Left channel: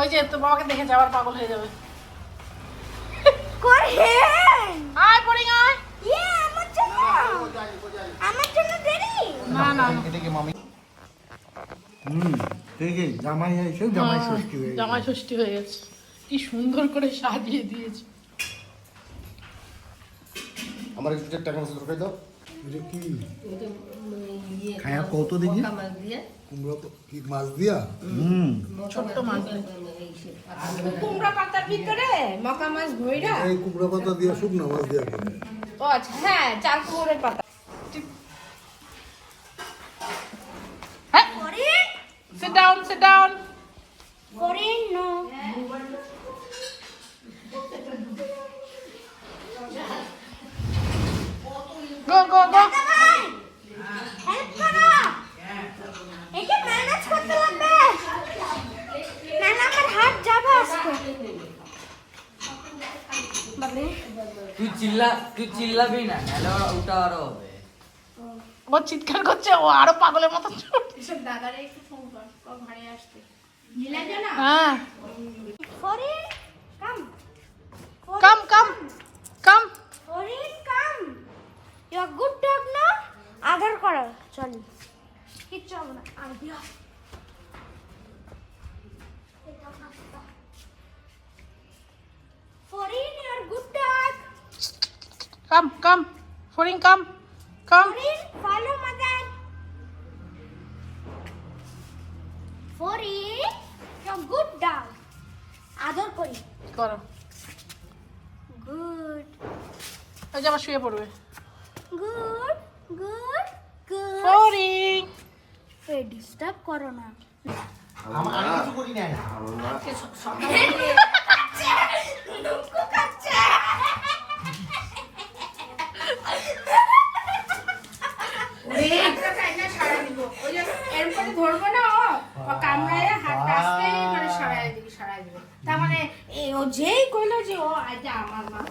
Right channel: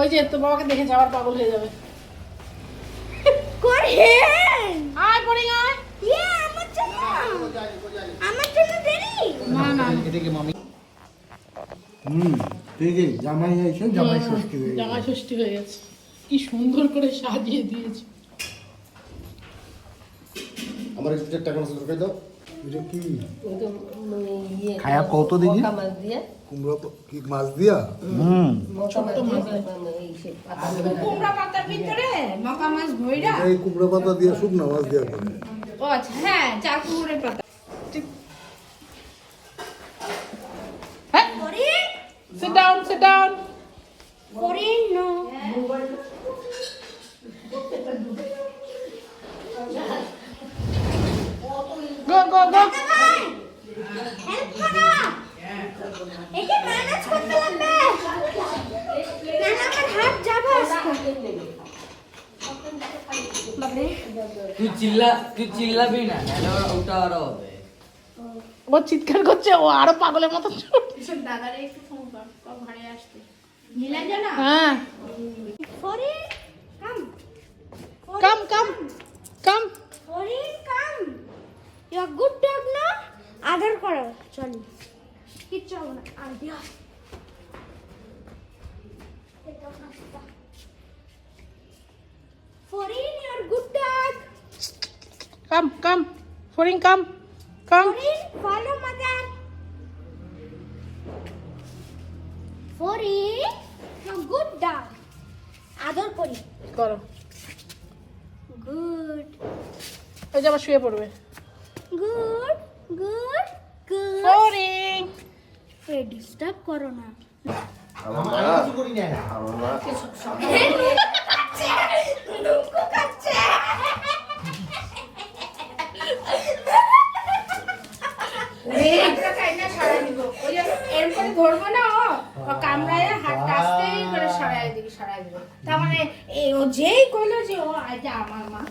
ওই যে তোর বাবাকে দেখে যাওয়ার পাগল হয়ে যাবে। আয় পড়ে আয়। আমার জন্য দেরি। না না ঠিকই জামাই এসে জামাই ষষ্ঠী হয়ে গেছে। জামাই ষষ্ঠী হয়ে গেছে। কি সুন্দর করে সাজিয়ে দিয়েছে। আমার একটু টাকা মাছ দরকার দাও। এটা কি খায়া কত দেখি কুমড়ো কি মাছ দিয়া ছোট্ট মাছ দেয়। কুমড়া পাতার ভিতরে মাকা মাছ ভইরা। এই কুমড়ো পাতা দিয়ে শুকনো মাছ দিয়া করে ও আচ্ছা হ্যাঁ চাল কুমড়োর পাতা। হ্যাঁ sit down sit down Karin no. go go go help করো। এটা ম্যানেজ করতে লাগবে। না না আমার হাত যাবে আজকে। বাবা তুই চিল্লাবি না, নাহলে ওটা আরো হবে। ও চিৎকার করছে, ও আরো পাগলের মতো দাদারে একটু ফোন কর, ঘরে আসতে। নীলাঞ্জনা হ্যাঁ Karin come come come come Karin come. You are good dog না আদর করো। চলি কিচ্ছু হবে না আর দিয়া Forin you are good dog. come come Forin come come Forin follow mother. Forin you are good dog আদর করি। করো। গুড ওই যে আবার শুয়ে পড়বে। Good good good. Forin disturb করো না। আমার মা আমার মা ধরবো না ও কামড়ায় হাতটা আস্তে করে সরাই দিবি। তার মানে ও যেই কইলো যে ও আজ আমার মা